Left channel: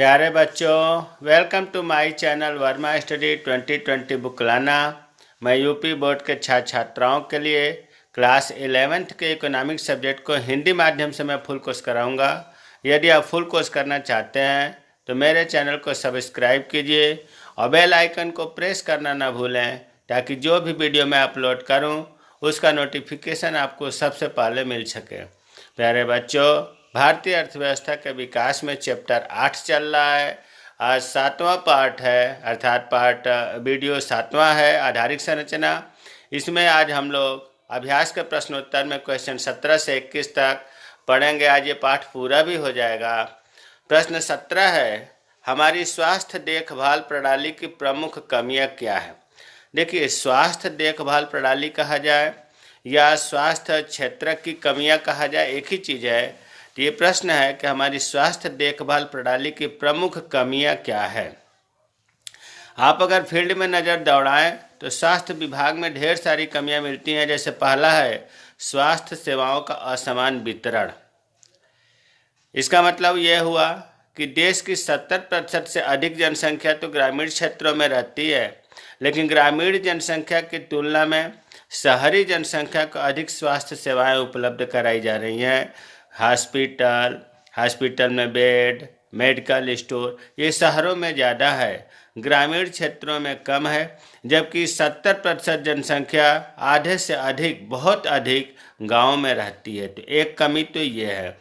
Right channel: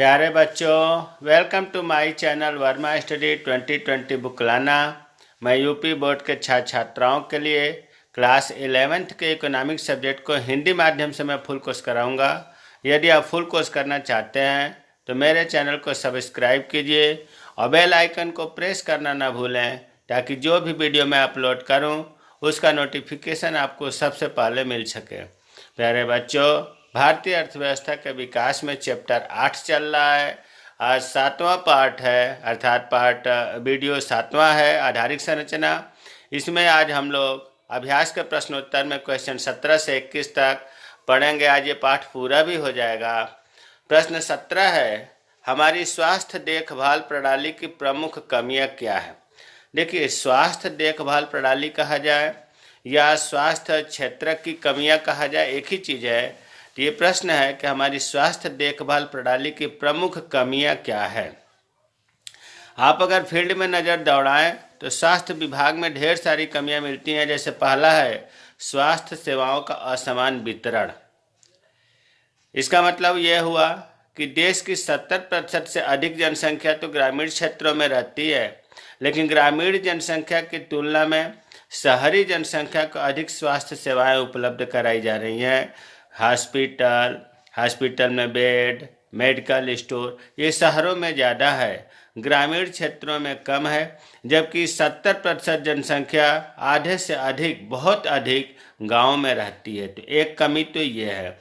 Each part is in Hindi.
प्यारे बच्चों, welcome to my channel Verma study 2020 book लाना। मैं यूपी बोर्ड के छात्र छात्राओं के लिए क्लास 11th के इकोनॉमिक्स सब्जेक्ट को हिंदी माध्यम से मैं फुल कोर्स कराऊंगा। यदि आप फुल कोर्स करना चाहते हैं तो मेरे चैनल को सब्सक्राइब कीजिए और बेल आइकन को प्रेस करना ना भूलें, ताकि जो भी वीडियो मैं अपलोड करूं उसका नोटिफिकेशन आपको सबसे पहले मिल सके। प्यारे बच्चों, भारतीय अर्थव्यवस्था के विकास में चैप्टर 8 चल रहा है। आज 7वां पार्ट है, अर्थात पार्ट वीडियो 7वां है, आधारिक संरचना। इसमें आज हम लोग अभ्यास के प्रश्नोत्तर में क्वेश्चन 17 से 21 तक पढ़ेंगे। आज ये पाठ पूरा भी हो जाएगा। प्रश्न 17 है, हमारी स्वास्थ्य देखभाल प्रणाली की प्रमुख कमियां क्या है। देखिए, स्वास्थ्य देखभाल प्रणाली कहा जाए या स्वास्थ्य क्षेत्र की कमियां कहा जाए, एक ही चीज है। तो ये प्रश्न है कि हमारी स्वास्थ्य देखभाल प्रणाली की प्रमुख कमियां क्या है। आप अगर फील्ड में नज़र दौड़ाएं तो स्वास्थ्य विभाग में ढेर सारी कमियां मिलती हैं। जैसे पहला है स्वास्थ्य सेवाओं का असमान वितरण। इसका मतलब यह हुआ कि देश की 70% से अधिक जनसंख्या तो ग्रामीण क्षेत्रों में रहती है, लेकिन ग्रामीण जनसंख्या की तुलना में शहरी जनसंख्या को अधिक स्वास्थ्य सेवाएं उपलब्ध कराई जा रही हैं। हॉस्पिटल में बेड, मेडिकल स्टोर ये शहरों में ज़्यादा है, ग्रामीण क्षेत्रों में कम है। जबकि 70% जनसंख्या आधे से अधिक, बहुत अधिक गाँव में रहती है। तो एक कमी तो ये है।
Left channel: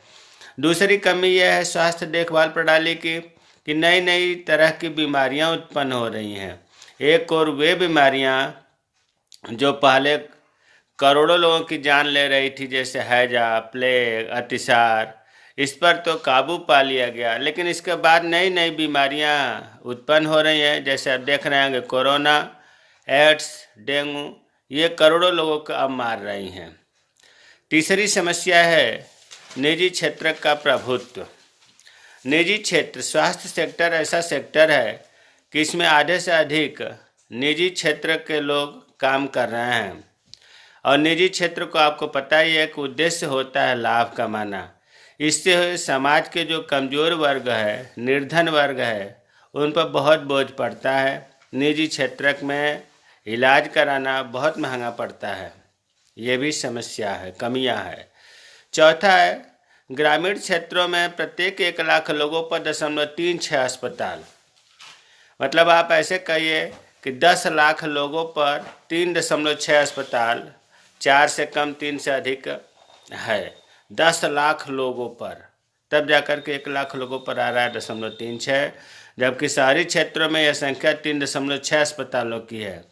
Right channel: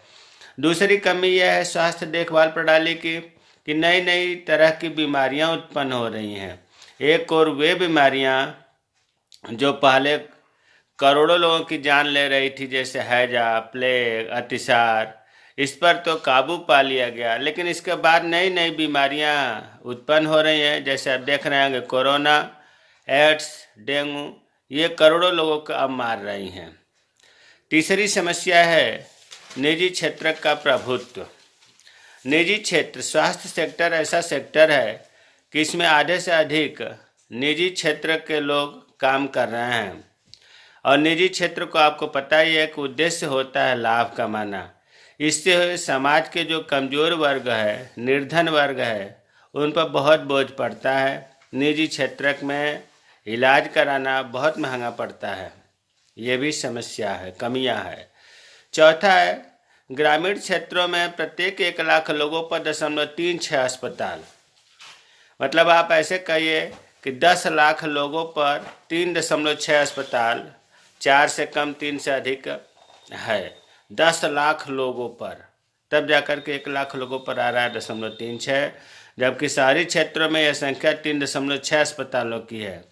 दूसरी कमी यह है स्वास्थ्य देखभाल प्रणाली की कि नई नई तरह की बीमारियां उत्पन्न हो रही हैं। एक और वे बीमारियां जो पहले करोड़ों लोगों की जान ले रही थी, जैसे हैजा, प्लेग, अतिसार, इस पर तो काबू पा लिया गया, लेकिन इसके बाद नई नई बीमारियां उत्पन्न हो रही हैं। जैसे आप देख रहे हैं कि कोरोना, एड्स, डेंगू, ये करोड़ों लोगों को अब मार रही हैं। तीसरी समस्या है निजी क्षेत्र का प्रभुत्व। निजी क्षेत्र, स्वास्थ्य सेक्टर ऐसा सेक्टर है कि इसमें आधे से अधिक निजी क्षेत्र के लोग काम कर रहे हैं। और निजी क्षेत्र को आपको पता ही है कि उद्देश्य होता है लाभ कमाना। इससे समाज के जो कमज़ोर वर्ग है, निर्धन वर्ग है, उन पर बहुत बोझ पड़ता है। निजी क्षेत्र में इलाज कराना बहुत महंगा पड़ता है। ये भी समस्या है, कमियां है। चौथा है ग्रामीण क्षेत्रों में प्रत्येक 1 लाख लोगों पर 0.36 अस्पताल। मतलब आप ऐसे कहिए कि 10 लाख लोगों पर 3.6 अस्पताल, 4 से कम 3 से अधिक है। 10 लाख लोगों पर, तब जाकर के 1 लाख लोगों पर आ रहा है 0.36, जबकि शहरी क्षेत्रों में यह संख्या 3.6 अस्पतालों की है।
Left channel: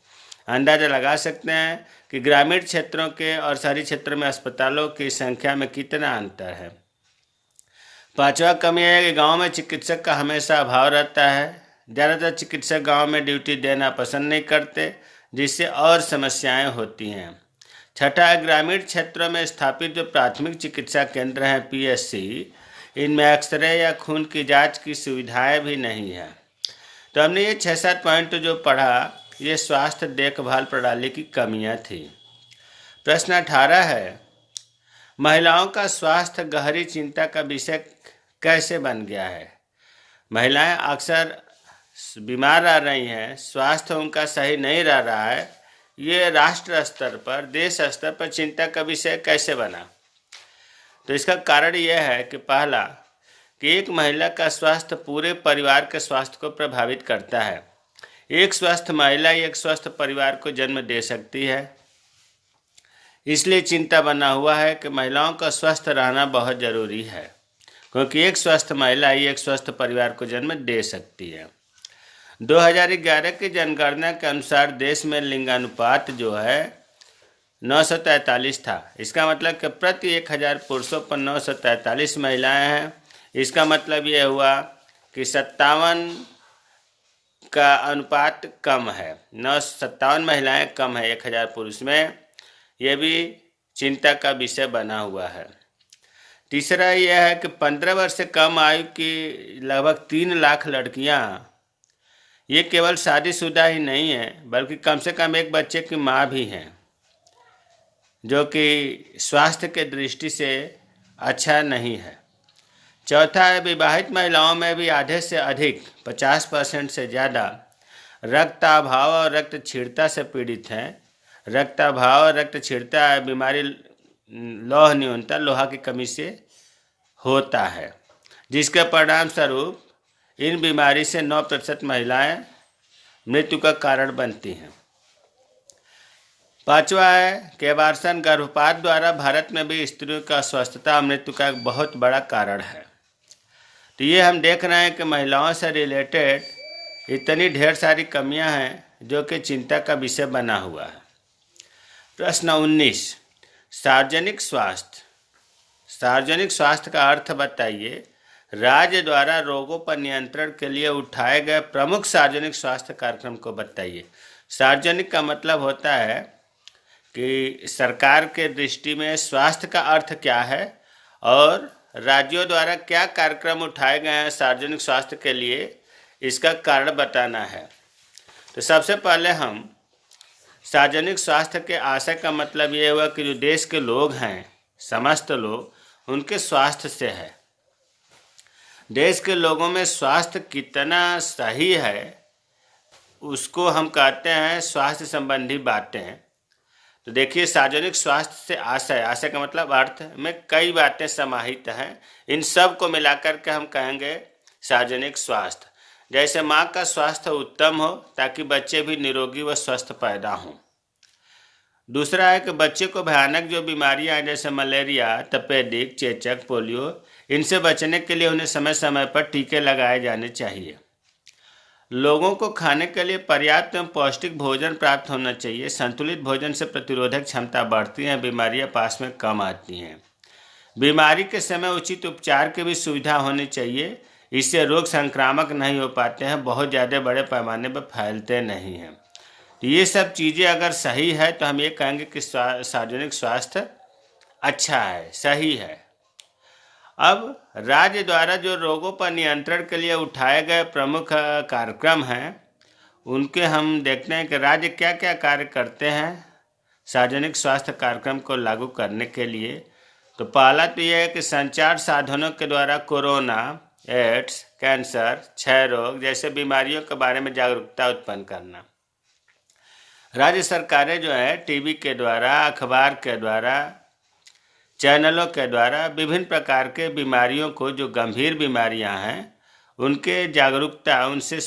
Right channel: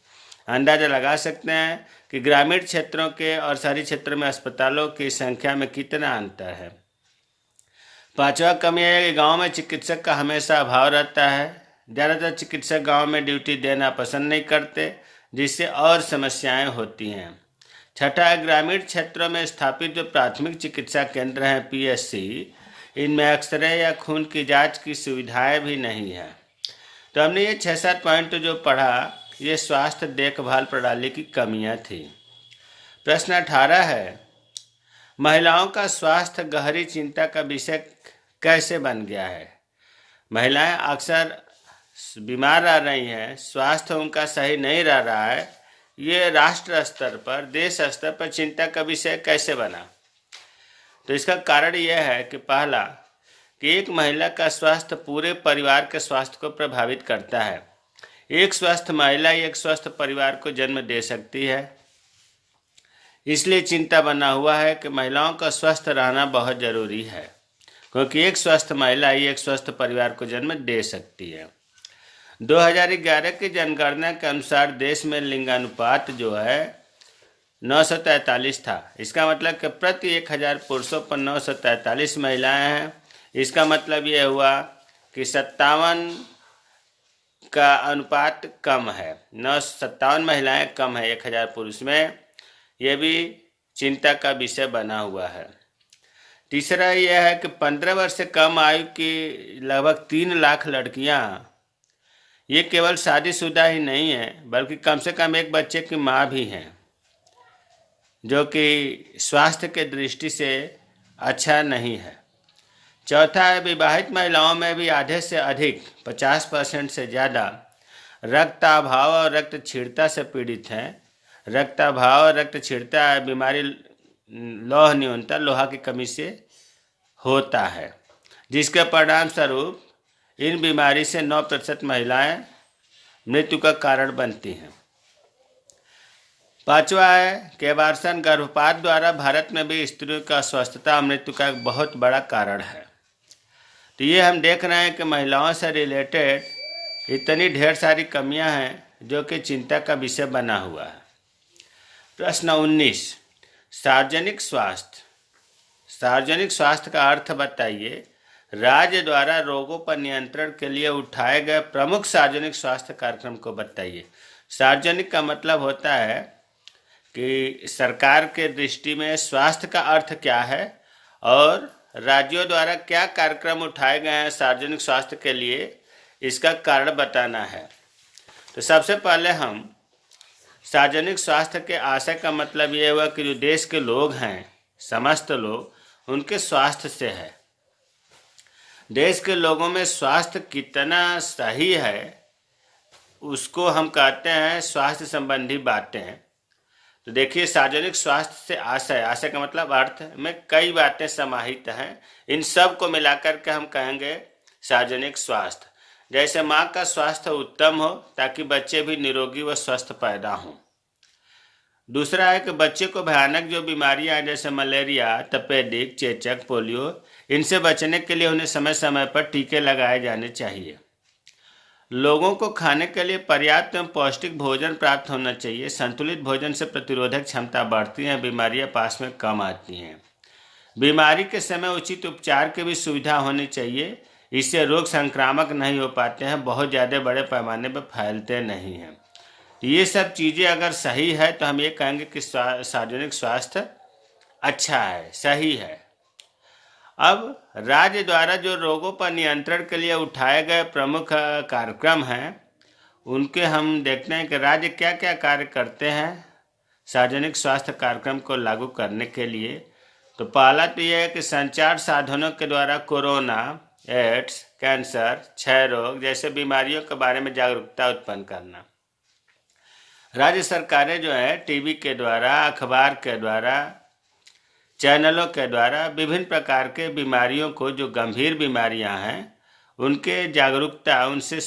अंदाजा लगा सकते हैं कि ग्रामीण क्षेत्रों के और शहरी क्षेत्रों में अस्पतालों की संख्या में कितना अंतर है। पांचवा कमी है कि गांव में चिकित्सक का हमेशा अभाव रहता है। ज़्यादातर चिकित्सक गांव में ड्यूटी देना पसंद नहीं करते, जिससे और समस्याएं होती हैं। छठा है ग्रामीण क्षेत्रों में स्थापित जो प्राथमिक चिकित्सा केंद्र हैं पीएचसी, इनमें एक्सरे या खून की जांच की सुविधाएं भी नहीं है। तो हमने ये 6-7 पॉइंट जो पढ़ा, ये स्वास्थ्य देखभाल प्रणाली की कमियां थी। प्रश्न 18 है, महिलाओं का स्वास्थ्य गहरी चिंता का विषय कैसे बन गया है। महिलाएं अक्सर बीमार रह रही हैं, स्वास्थ्य उनका सही नहीं रह रहा है। ये राष्ट्र स्तर पर, देश स्तर पर चिंता का विषय कैसे बना। तो इसका कारण यह है कि पहला कि एक महिला का स्वास्थ्य पूरे परिवार के स्वास्थ्य को प्रभावित करता है। एक स्वस्थ महिला एक स्वस्थ परिवार को जन्म दे सकती है। इसलिए चिंता बना हुआ है कि महिलाओं का स्वस्थ रहना बहुत जरूरी है, क्योंकि एक स्वस्थ महिला ही एक स्वस्थ परिवार को जन्म दे सकती है। 2011 की जनगणना के अनुसार देश में लिंगानुपात जो है 943 था। इसका मतलब कि प्रति 1000 पुरुषों पर 943 महिलाएं हैं। इसका मतलब यह हुआ कि 57 का अनुपात कम है, 57 महिलाएं कम है 1000 पुरुष में। यह भी चिंता का विषय बना हुआ है। तीसरा यह है कि 15 वर्ष से कम आयु की लगभग 3 लाख लड़कियां, ये केवल शादीशुदा ही नहीं है, बल्कि कम से कम एक बच्चे की माँ भी हैं, जो कि स्वास्थ्य के दृष्टि से अच्छा नहीं है। चौथा है, विवाहित महिलाओं में भी आधे से अधिक 50% से ज़्यादा रक्ताभाव और रक्त क्षीणता से पीड़ित हैं। रक्ताभाव और रक्त क्षीणता बीमारी लौह न्यूनता, लोहा की कमी से होता है, जिसके परिणाम स्वरूप इन बीमारी से 9% महिलाएं मृत्यु का कारण बनती हैं। पांचवा है, केवार्सन गर्भपात द्वारा भारत में भी स्त्रियों का अस्वस्थता और मृत्यु का एक बहुत बड़ा कारण है। तो ये हम देख रहे हैं कि महिलाओं से रिलेटेड इतनी ढेर सारी कमियां हैं जो कि चिंता का विषय बना हुआ है। प्रश्न 19, सार्वजनिक स्वास्थ्य। सार्वजनिक स्वास्थ्य का अर्थ बताइए। राज्य द्वारा रोगों पर नियंत्रण के लिए उठाए गए प्रमुख सार्वजनिक स्वास्थ्य कार्यक्रम को बताइए। सार्वजनिक का मतलब होता है कि सरकार के दृष्टि में स्वास्थ्य का अर्थ क्या है और राज्यों द्वारा क्या कार्यक्रम उठाए गए हैं सार्वजनिक स्वास्थ्य के लिए, इसका कारण बताना है। तो सबसे पहले हम सार्वजनिक स्वास्थ्य के आशय का मतलब ये हुआ कि जो देश के लोग हैं, समस्त लोग, उनके स्वास्थ्य से है। देश के लोगों में स्वास्थ्य कितना सही है उसको हम कहते हैं स्वास्थ्य संबंधी बातें। तो देखिए, सार्वजनिक स्वास्थ्य से आशय का मतलब अर्थ में कई बातें समाहित हैं। इन सब को मिलाकर के हम कहेंगे सार्वजनिक स्वास्थ्य। जैसे माँ का स्वास्थ्य उत्तम हो ताकि बच्चे भी निरोगी व स्वस्थ पैदा हों। दूसरा है कि बच्चे को भयानक जो बीमारियां जैसे मलेरिया, तपेदिक, चेचक, पोलियो, इनसे बचने के लिए उन्हें समय समय पर टीके लगाए जाने चाहिए। लोगों को खाने के लिए पर्याप्त एवं पौष्टिक भोजन प्राप्त होना चाहिए। संतुलित भोजन से प्रतिरोधक क्षमता बढ़ती है, बीमारियां पास में कम आती हैं। बीमारी के समय उचित उपचार की भी सुविधा होनी चाहिए। इससे रोग संक्रामक नहीं हो पाते हैं, बहुत ज़्यादा बड़े पैमाने पर फैलते नहीं हैं। ये सब चीज़ें अगर सही है तो हम ये कहेंगे कि सार्वजनिक स्वास्थ्य अच्छा है, सही है। अब राज्य द्वारा जो रोगों पर नियंत्रण के लिए उठाए गए प्रमुख कार्यक्रम हैं उनके हम देखते हैं कि राज्य क्या क्या कार्य करते हैं सार्वजनिक स्वास्थ्य कार्यक्रम को लागू करने के लिए। तो पहला तो यह है कि संचार साधनों के द्वारा कोरोना, एड्स, कैंसर, क्षय रोग जैसे बीमारियों के बारे में जागरूकता उत्पन्न करना। राज्य सरकारें जो है टीवी के द्वारा, अखबार के द्वारा, चैनलों के द्वारा विभिन्न प्रकार के बीमारियों को, जो गंभीर बीमारियां हैं, उनके जागरूकता, उनसे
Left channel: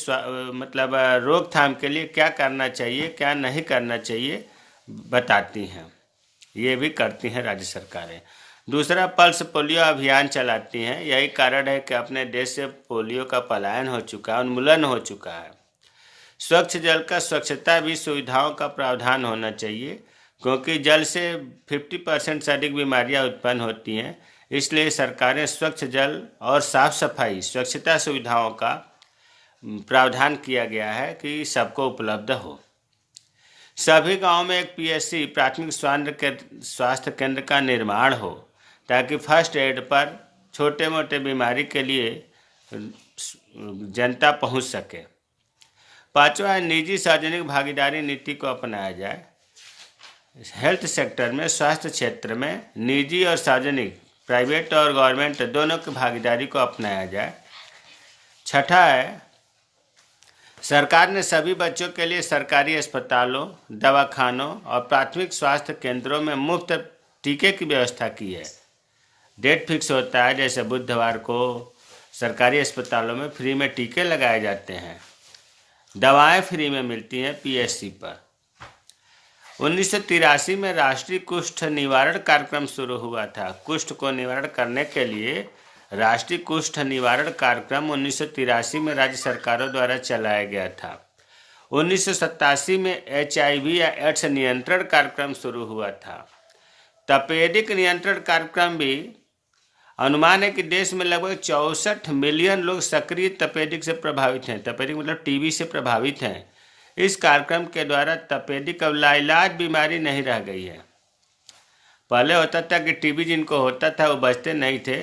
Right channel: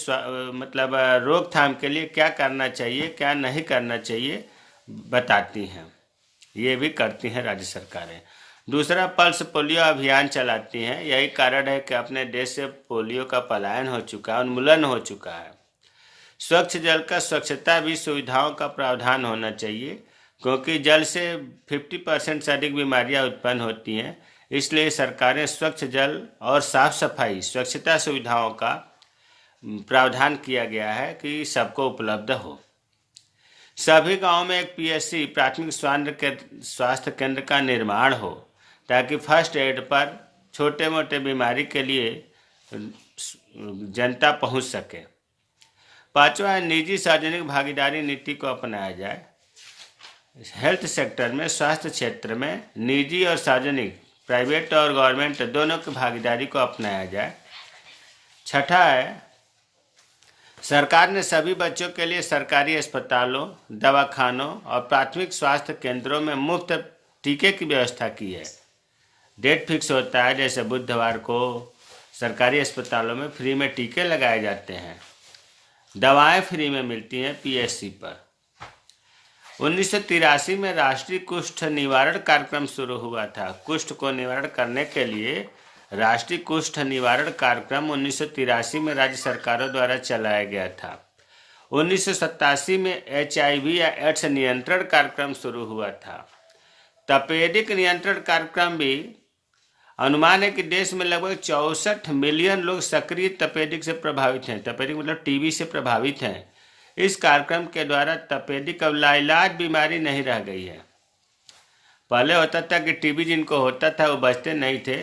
मतलब रोकथाम के लिए क्या करना चाहिए, क्या नहीं करना चाहिए बताती हैं। ये भी करती हैं राज्य सरकारें। दूसरा, पल्स पोलियो अभियान चलाती हैं। यही कारण है कि अपने देश से पोलियो का पलायन हो चुका है, उन्मूलन हो चुका है। स्वच्छ जल का स्वच्छता भी सुविधाओं का प्रावधान होना चाहिए, क्योंकि जल से 50% से अधिक बीमारियां उत्पन्न होती हैं। इसलिए सरकारें स्वच्छ जल और साफ सफाई, स्वच्छता सुविधाओं का प्रावधान किया गया है कि सबको उपलब्ध हो। सभी गांवों में एक पीएचसी, प्राथमिक स्वास्थ्य केंद्र का निर्माण हो ताकि फर्स्ट एड पर छोटे मोटे बीमारी के लिए जनता पहुंच सके। पांचवा है, निजी सार्वजनिक भागीदारी नीति को अपनाया जाए। हेल्थ सेक्टर में, स्वास्थ्य क्षेत्र में निजी और सार्वजनिक, प्राइवेट और गवर्नमेंट दोनों की भागीदारी को अपनाया जाए। छठा है, सरकार ने सभी बच्चों के लिए सरकारी अस्पतालों, दवाखानों और प्राथमिक स्वास्थ्य केंद्रों में मुफ्त टीके की व्यवस्था की है। डेट फिक्स होता है, जैसे बुधवार को सरकारी अस्पतालों में फ्री में टीके लगाए जाते हैं। दवाएं फ्री में मिलती हैं पीएचसी पर। 1983 में राष्ट्रीय कुष्ठ निवारण कार्यक्रम शुरू हुआ था। कुष्ठ को निवारण करने के लिए राष्ट्रीय कुष्ठ निवारण कार्यक्रम 1983 में राज्य सरकारों द्वारा चलाया गया था। 1987 में HIV या एड्स नियंत्रण कार्यक्रम शुरू हुआ था। तपेदिक नियंत्रण कार्यक्रम भी, अनुमान है कि देश में लगभग 64 मिलियन लोग सक्रिय तपेदिक से प्रभावित हैं। तपेदिक मतलब टीबी से प्रभावित हैं। इस कार्यक्रम के द्वारा तपेदिक अब लाइलाज बीमारी नहीं रह गई है। पहले होता था कि टीबी जिनको होता था वो बचते नहीं थे,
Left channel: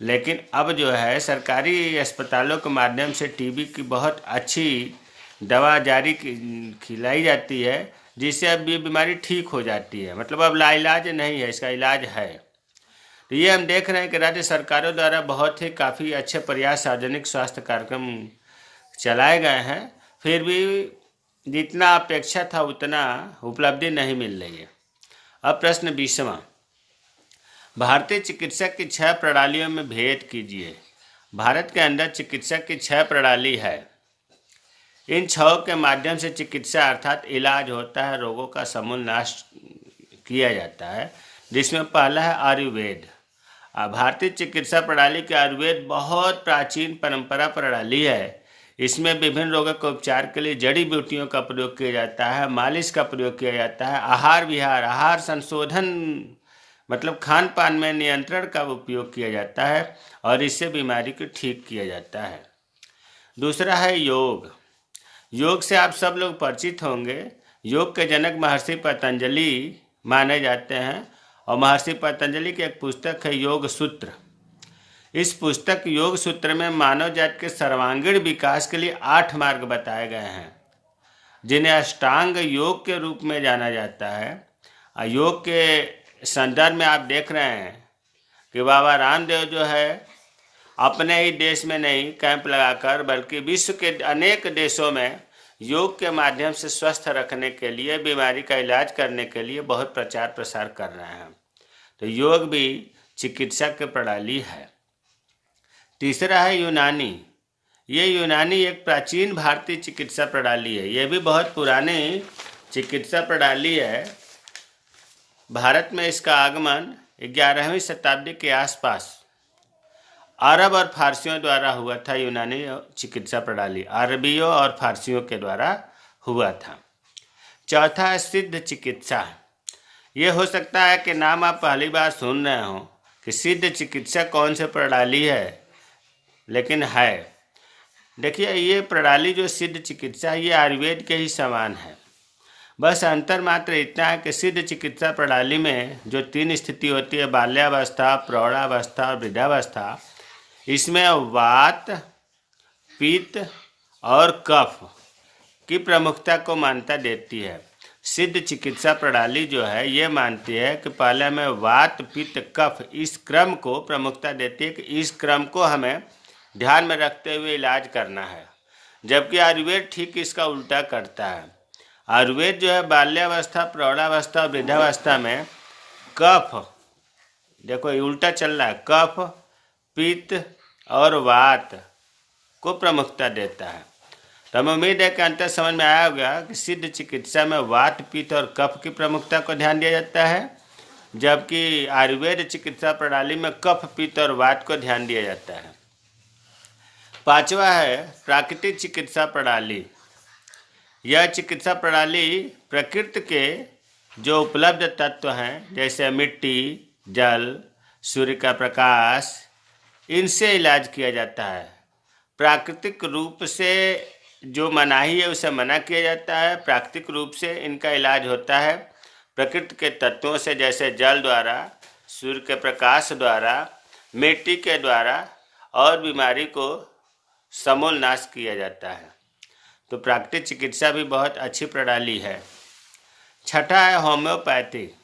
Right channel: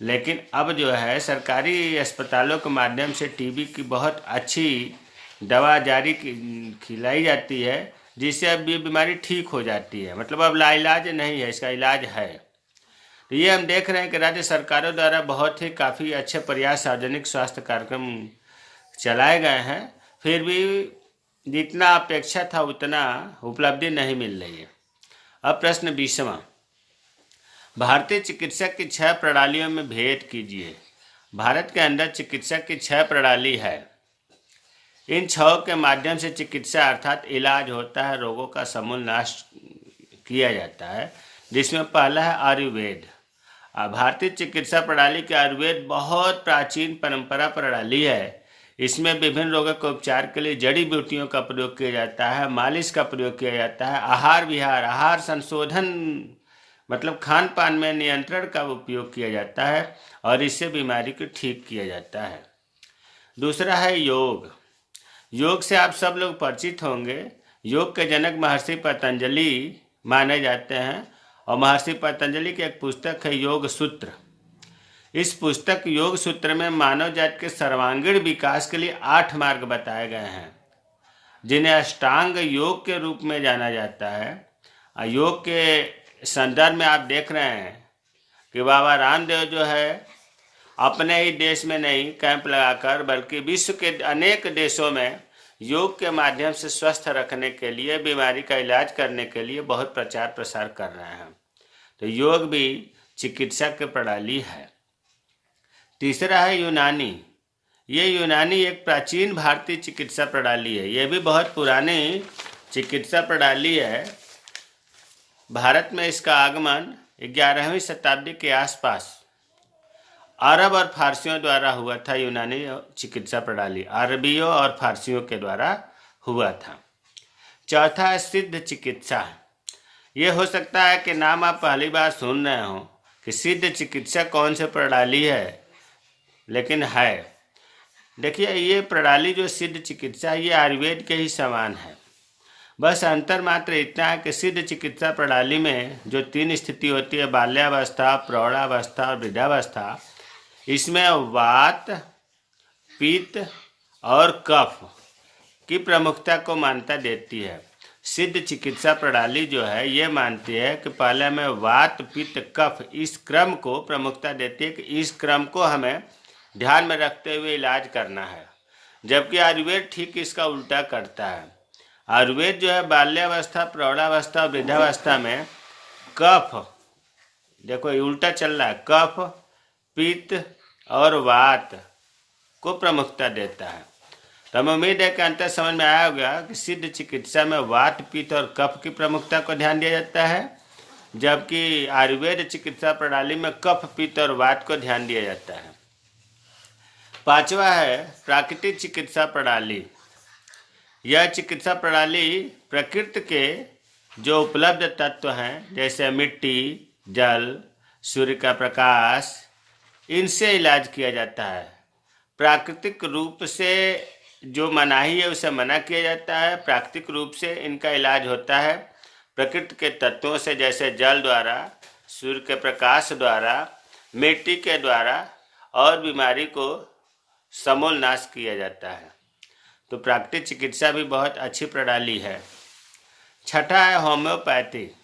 लेकिन अब जो है सरकारी अस्पतालों के माध्यम से टीबी की बहुत अच्छी दवा जारी खिलाई जाती है, जिससे अब ये बीमारी ठीक हो जाती है। मतलब अब लाइलाज नहीं है, इसका इलाज है। तो ये हम देख रहे हैं कि राज्य सरकारों द्वारा बहुत ही काफ़ी अच्छे प्रयास सार्वजनिक स्वास्थ्य कार्यक्रम चलाए गए हैं, फिर भी जितना अपेक्षा था उतना उपलब्धि नहीं मिल रही है। अब प्रश्न 20वां, भारतीय चिकित्सा की 6 प्रणालियों में भेद कीजिए। भारत के अंदर चिकित्सा की 6 प्रणाली है। इन 6 के माध्यम से चिकित्सा अर्थात इलाज होता है, रोगों का समूल नाश किया जाता है, जिसमें पहला है आयुर्वेद। भारतीय चिकित्सा प्रणाली के आयुर्वेद बहुत प्राचीन परंपरा प्रणाली है। इसमें विभिन्न रोगों के उपचार के लिए जड़ी बूटियों का प्रयोग किया जाता है, मालिश का प्रयोग किया जाता है, आहार विहार आहार संशोधन मतलब खान पान में नियंत्रण का उपयोग किया जाता है और इससे बीमारी को ठीक किया जाता है। दूसरा है योग। योग से आप सब लोग परिचित होंगे। योग के जनक महर्षि पतंजलि माने जाते हैं और महर्षि पतंजलि की एक पुस्तक है योग सूत्र। इस पुस्तक योग सूत्र में मानव जाति के सर्वांगीण विकास के लिए 8 मार्ग बताए गए हैं, जिन्हें अष्टांग योग के रूप में जाना जाता है। योग के संदर्भ में आप देख रहे हैं कि बाबा रामदेव जो है अपने ही देश में नहीं कैंप लगाकर बल्कि विश्व के अनेक देशों में योग के माध्यम से स्वस्थ रखने के लिए, बीमारी का इलाज करने के लिए बहुत प्रचार प्रसार कर रहे हैं। तो योग भी चिकित्सा की प्रणाली है। तीसरा है यूनानी। ये यूनानी एक प्राचीन भारतीय चिकित्सा प्रणाली है। ये भी बहुत पुरानी चिकित्सा प्रणाली है। भारत में इसका आगमन 11वीं शताब्दी के आसपास अरब और फारसियों द्वारा हुआ था। यूनानी चिकित्सा प्रणाली अरबियों और फारसियों के द्वारा हुआ था। चौथा है सिद्ध चिकित्सा। ये हो सकता है कि नाम आप पहली बार सुन रहे हो कि सिद्ध चिकित्सा कौन सी प्रणाली है, लेकिन है। देखिए, ये प्रणाली जो सिद्ध चिकित्सा ये आयुर्वेद के ही समान है। बस अंतर मात्र इतना है कि सिद्ध चिकित्सा प्रणाली में जो 3 स्थिति होती है, बाल्यावस्था, प्रौढ़ावस्था और वृद्धावस्था, इसमें वात, पित्त और कफ की प्रमुखता को मान्यता देती है। सिद्ध चिकित्सा प्रणाली जो है ये मानती है कि पहले में वात, पित्त, कफ इस क्रम को प्रमुखता देती है कि इस क्रम को हमें ध्यान में रखते हुए इलाज करना है, जबकि आयुर्वेद ठीक इसका उल्टा करता है। आयुर्वेद जो है बाल्यावस्था, प्रौढ़ावस्था और वृद्धावस्था में कफ, देखो ये उल्टा चल रहा है, कफ, पित्त और वात को प्रमुखता देता है। तो हमें उम्मीद है कि अंतर समझ में आया होगा कि सिद्ध चिकित्सा में वात, पित्त और कफ की प्रमुखता को ध्यान दिया जाता है, जबकि आयुर्वेद चिकित्सा प्रणाली में कफ, पित्त और वात को ध्यान दिया जाता है। 5वां है प्राकृतिक चिकित्सा प्रणाली। यह चिकित्सा प्रणाली प्रकृति के जो उपलब्ध तत्व हैं जैसे मिट्टी, जल, सूर्य का प्रकाश, इनसे इलाज किया जाता है। प्राकृतिक रूप से जो मनाही है उसे मना किया जाता है। प्राकृतिक रूप से इनका इलाज होता है प्रकृति के तत्वों से, जैसे जल द्वारा, सूर्य के प्रकाश द्वारा, मिट्टी के द्वारा, और बीमारी को समूल नाश किया जाता है। तो प्राकृतिक चिकित्सा भी बहुत अच्छी प्रणाली है। छठा है होम्योपैथी।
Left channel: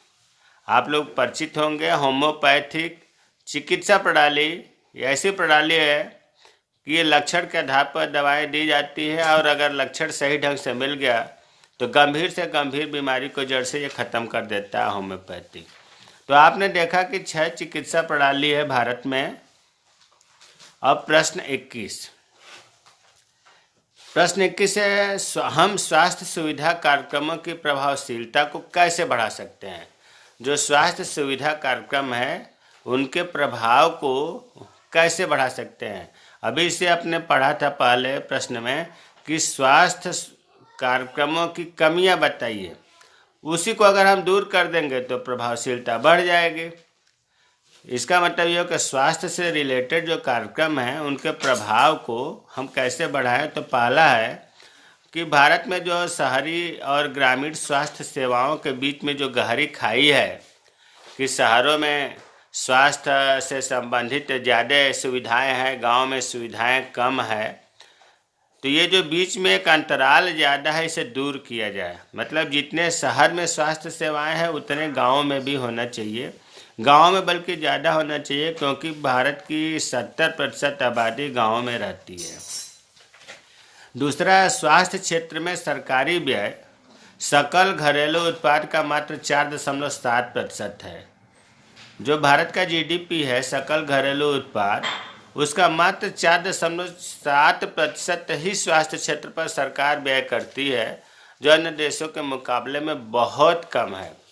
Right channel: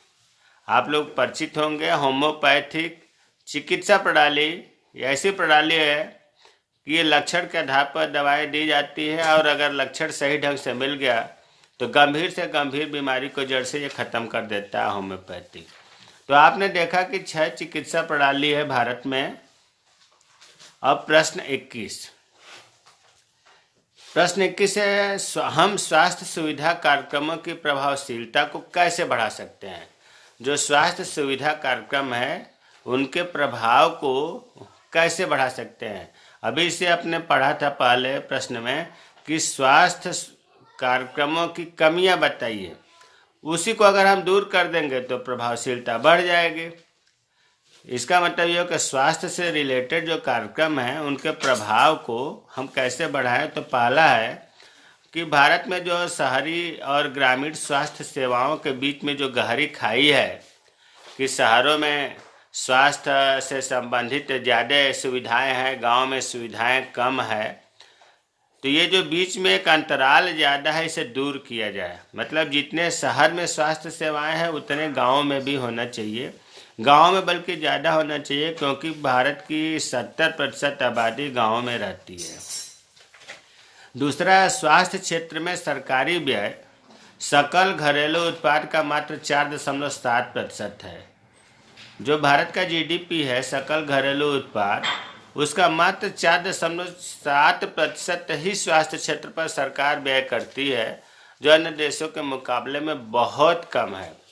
आप लोग परिचित होंगे। होम्योपैथिक चिकित्सा प्रणाली ऐसी प्रणाली है कि ये लक्षण के आधार पर दवाएं दी जाती है और अगर लक्षण सही ढंग से मिल गया तो गंभीर से गंभीर बीमारी को जड़ से ये खत्म कर देता है होम्योपैथी। तो आपने देखा कि 6 चिकित्सा प्रणाली है भारत में। अब प्रश्न 21 है, हम स्वास्थ्य सुविधा कार्यक्रमों की प्रभावशीलता को कैसे बढ़ा सकते हैं। जो स्वास्थ्य सुविधा कार्यक्रम है उनके प्रभाव को कैसे बढ़ा सकते हैं। अभी से आपने पढ़ा था पहले प्रश्न में कि स्वास्थ्य कार्यक्रमों की कमियां बताइए, उसी को अगर हम दूर कर देंगे तो प्रभावशीलता बढ़ जाएगी। इसका मतलब ये कि स्वास्थ्य से रिलेटेड जो कार्यक्रम हैं उनके प्रभाव को हम कैसे बढ़ाएं। तो पहला है कि भारत में जो शहरी और ग्रामीण स्वास्थ्य सेवाओं के बीच में जो गहरी खाई है कि शहरों में स्वास्थ्य से संबंधित ज़्यादा सुविधाएं हैं, गांव में सुविधाएं कम है, तो ये जो बीच में एक अंतराल ज़्यादा है इसे दूर किया जाए। मतलब जितने शहर में स्वास्थ्य सेवाएं हैं उतने गाँव में भी होना चाहिए। गाँव में बल्कि ज़्यादा होना चाहिए, क्योंकि भारत की 70% आबादी गाँव में रहती है। दूसरा, स्वास्थ्य क्षेत्र में सरकारी व्यय सकल घरेलू उत्पाद का मात्र 4.7% है। जो भारत का जीडीपी है, सकल घरेलू उत्पाद, उसका मात्र 4.7% ही स्वास्थ्य क्षेत्र पर सरकार व्यय करती है, जो अन्य देशों के मुकाबले में बहुत कम है।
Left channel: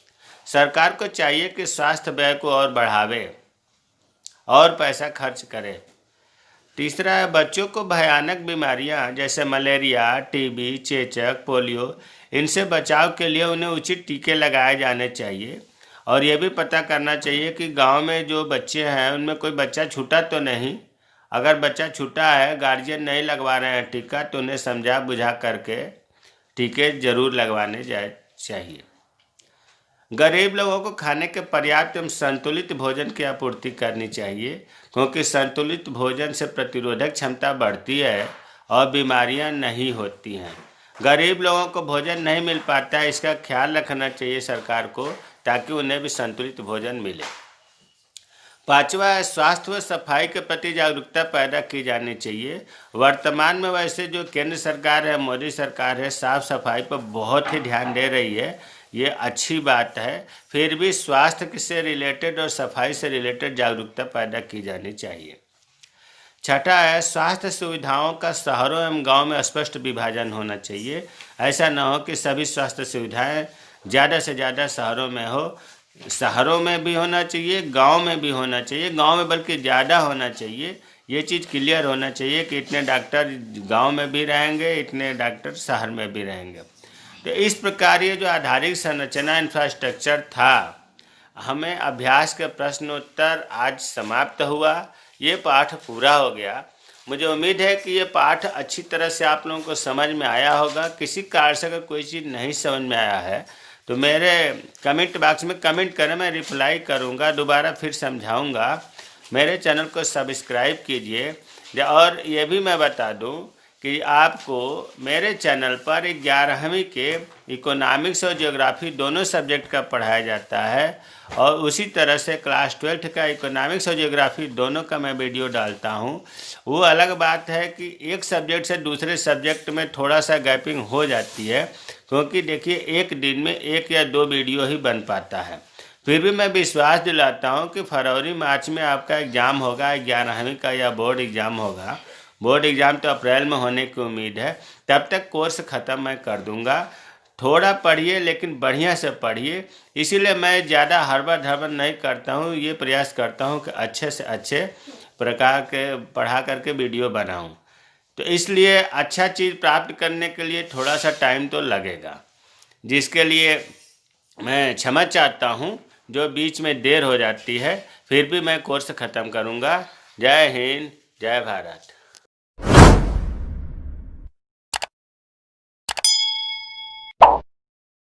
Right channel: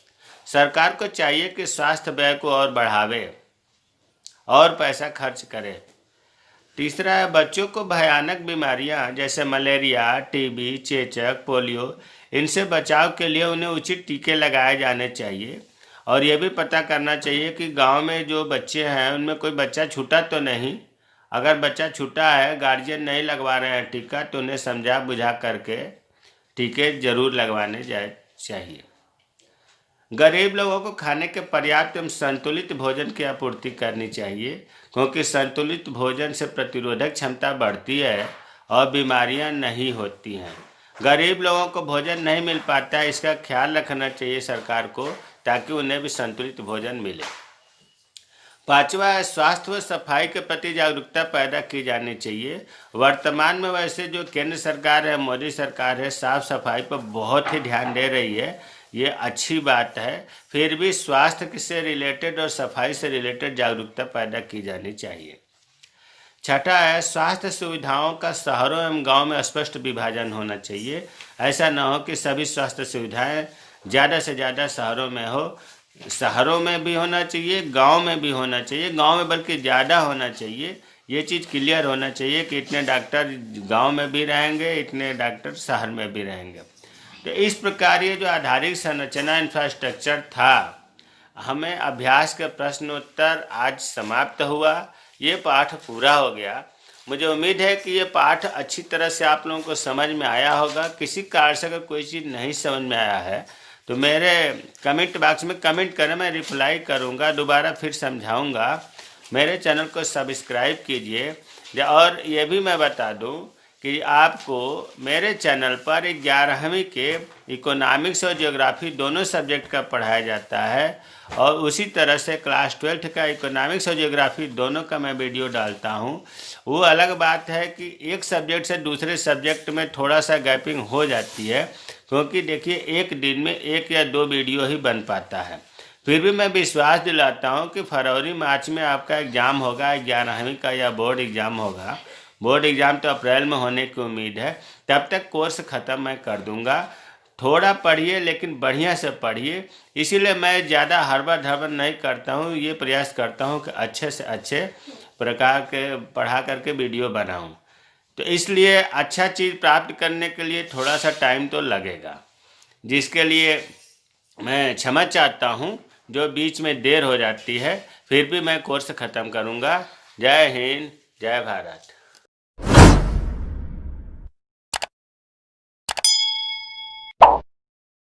सरकार को चाहिए कि स्वास्थ्य व्यय को और बढ़ावे और पैसा खर्च करे। तीसरा है, बच्चों को भयानक बीमारियां जैसे मलेरिया, टीबी, चेचक, पोलियो, इनसे बचाव के लिए उन्हें उचित टीके लगाए जाने चाहिए। और ये भी पता करना चाहिए कि गांव में जो बच्चे हैं उनमें कोई बच्चा छूटा तो नहीं। अगर बच्चा छूटा है, गार्जियन नहीं लगवा रहे हैं टीका, तो उन्हें समझा बुझा करके टीके जरूर लगवाने चाहिए। गरीब लोगों को खाने के पर्याप्त एवं संतुलित भोजन की आपूर्ति करनी चाहिए, क्योंकि संतुलित भोजन से प्रतिरोधक क्षमता बढ़ती है और बीमारियां नहीं होती हैं। गरीब लोगों को भोजन नहीं मिल पाता है, इसका ख्याल रखना चाहिए सरकार को, ताकि उन्हें भी संतुलित भोजन मिले। पांचवा है, स्वास्थ्य व सफाई के प्रति जागरूकता पैदा की जानी चाहिए। वर्तमान में वैसे जो केंद्र सरकार है, मोदी सरकार है, साफ सफाई पर बहुत ही ध्यान दे रही है, ये अच्छी बात है। फिर भी स्वास्थ्य से रिलेटेड और सफाई से रिलेटेड जागरूकता पैदा की जानी चाहिए। छठा है, स्वास्थ्य सुविधाओं का शहरों एवं गांव में स्पष्ट विभाजन होना चाहिए। ऐसा न हो कि सभी स्वास्थ्य सुविधाएं ज़्यादा से ज़्यादा शहरों में हो। शहरों में भी होना चाहिए, गांव में भी होना चाहिए, गांव में बल्कि ज़्यादा होना चाहिए। ये चीज़ क्लियर होना चाहिए कि इतने डॉक्टर गांव में भी रहेंगे, इतने डॉक्टर शहर में भी रहेंगे। तो इस प्रकार ये जो आधारिक संरचना इंफ्रास्ट्रक्चर था, हमें अभ्यास के प्रश्नोत्तर आज समाप्त हुआ। ये पाठ पूरा हो गया। मुझे उम्मीद है कि ये पाठ अच्छी तरह से आप लोगों को समझ में आया होगा। किसी कारण से अगर कोई चीज़ नहीं समझ में आया है तो मेरे कमेंट बॉक्स में कमेंट करें, मैं रिप्लाई करूँगा, दोबारा फिर समझाऊँगा। मेरे चैनल को सब्सक्राइब कीजिए। और ये भी मैं बता दूँ कि आपको मेरे चैनल पर 11वीं के इकोनॉमिक्स और ज्योग्राफी दोनों सब्जेक्ट का पढ़ाया जाता है, और उसी तरह से क्लास 12 का इकोनॉमिक्स और ज्योग्राफी दोनों का मैं वीडियो डालता हूं। वो अलग बात है कि एक सब्जेक्ट से दूसरे सब्जेक्ट में थोड़ा सा गैपिंग हो जाती है, क्योंकि देखिए एक दिन में 1 या 2 वीडियो ही बन पाता है। फिर भी मैं विश्वास दिलाता हूं कि फरवरी मार्च में आपका एग्ज़ाम होगा, 11वीं का, या बोर्ड एग्ज़ाम होगा। बोर्ड एग्ज़ाम तो अप्रैल में होने की उम्मीद है। तब तक कोर्स ख़त्म मैं कर दूंगा। थोड़ा पढ़िए, लेकिन बढ़िया से पढ़िए। इसीलिए मैं ज़्यादा हड़बड़ नहीं करता हूँ। ये प्रयास करता हूँ कि अच्छे से अच्छे प्रकार के पढ़ा करके वीडियो बनाऊँ। तो इसलिए अच्छा चीज़ प्राप्त करने के लिए थोड़ा सा टाइम तो लगेगा, जिसके लिए मैं क्षमा चाहता हूँ जो बीच में देर हो जाती है। फिर भी मैं कोर्स ख़त्म करूँगा। जय हिंद, जय भारत।